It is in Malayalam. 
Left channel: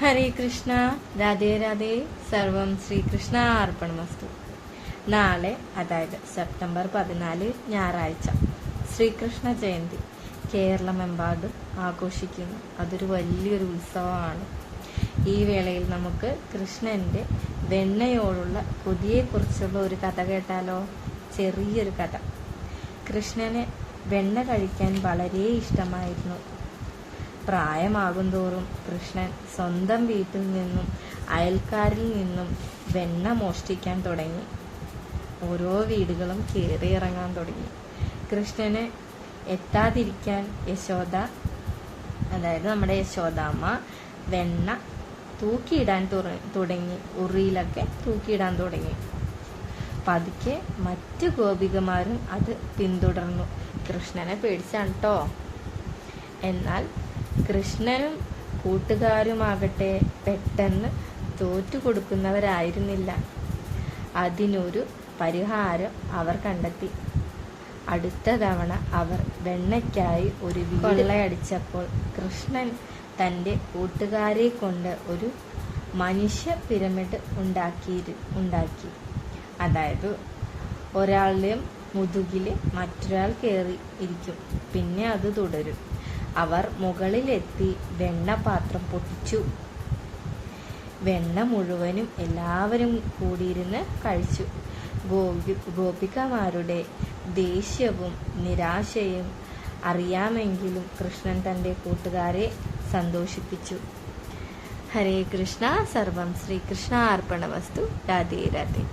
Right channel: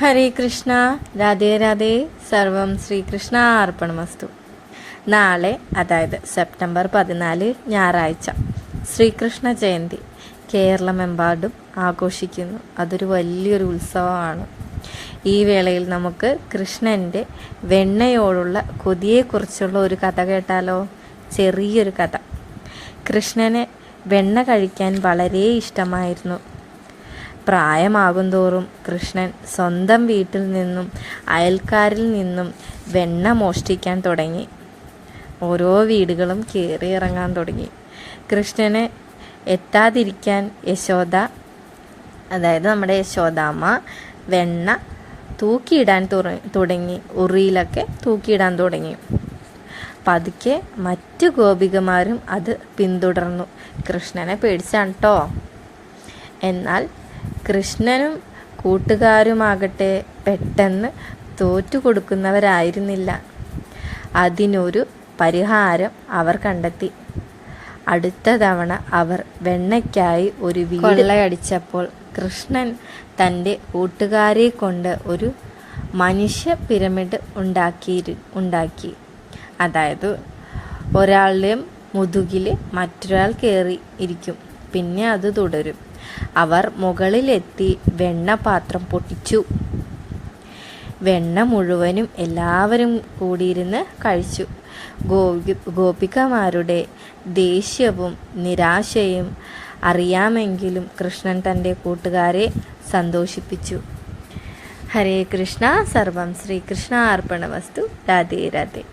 ഹരേ കൃഷ്ണ, രാധേ രാധേ, സർവം ശ്രീകൃഷ്ണ അർപ്പണമസ്തു. നാളെ, അതായത് സെപ്റ്റംബർ 14 ഞായറാഴ്ച, ശ്രീകൃഷ്ണ ജയന്തി കേരളമെമ്പാടും ആഘോഷിക്കുന്നു. അതൊരു വലിയൊരു ഉത്സവമാണ്. ഈ വേളയിൽ നമുക്ക് കൃഷ്ണൻ്റെ വെണ്ണയോടുള്ള കൊതിയെക്കുറിച്ചുള്ള ഒരു കഥ കേട്ടാലോ? ചെറിയൊരു കഥ. കൃഷ്ണന് വെണ്ണ കഴിക്കാൻ വളരെ ഇഷ്ടമായിരുന്നു. പ്രായമാകുന്തോറും കൃഷ്ണൻ സ്വന്തം വീട്ടിൽ നിന്നും അയൽക്കാരിൽ നിന്നും വെണ്ണ മോഷ്ടിക്കാൻ തുടങ്ങി. ഓരോ വീടുകളും കയറി ഇറങ്ങാൻ തുടങ്ങി. കൃഷ്ണന് എത്താതിരിക്കാൻ അതായത് നമ്മുടെ യശോദാമ്മ വെണ്ണ തൂക്കിയിടാൻ തുടങ്ങി. ഉറിയിലൊക്കെ തൂക്കിയിടാൻ തുടങ്ങി. പതുക്കെ മറ്റു ഗോപികമാരും അത് പിന്തുടർന്നു. കൃഷ്ണനെ പേടിച്ചാണ് കേട്ടോ. എന്നാൽ കൃഷ്ണനും കൂട്ടുകാരുമാകട്ടെ പെട്ടെന്ന് തോറ്റുകൊടുക്കുന്നവരായിരുന്നില്ല. അതിനൊരു പരിഹാരം അവർ കണ്ടെത്തി. അടുത്ത തവണ അവർ വെണ്ണയ്ക്കായി ഒരു വീട് കൊള്ളയടിച്ചപ്പോൾ കൃഷ്ണൻ തൻ്റെ കൂട്ടുകാരെ കൊണ്ട് ഒരു മനുഷ്യ പിരമിഡ് ഉണ്ടാക്കി. അതായത് ഒരാളുടെ മുതുകിൽ മറ്റൊരാൾ കയറി ഇരിക്കും. പിന്നെ അത് തുടരും. അവർ മുകളിലെത്തി വെണ്ണപാത്രം പൊട്ടിച്ചു. വെണ്ണ മുഴുവനും എല്ലാവരും കൂടിയിരുന്ന് കഴിച്ചു. ഗോപികമാരുടെ ദേഷ്യവും നിരാശയും അറിയാമെങ്കിലും കൃഷ്ണൻ തൻ്റെ കൂട്ടുകാരെ സന്തോഷിപ്പിച്ചു. ഹരേ കൃഷ്ണ, സർവം ശ്രീകൃഷ്ണ അർപ്പണമസ്തു. രാധേ രാധേ.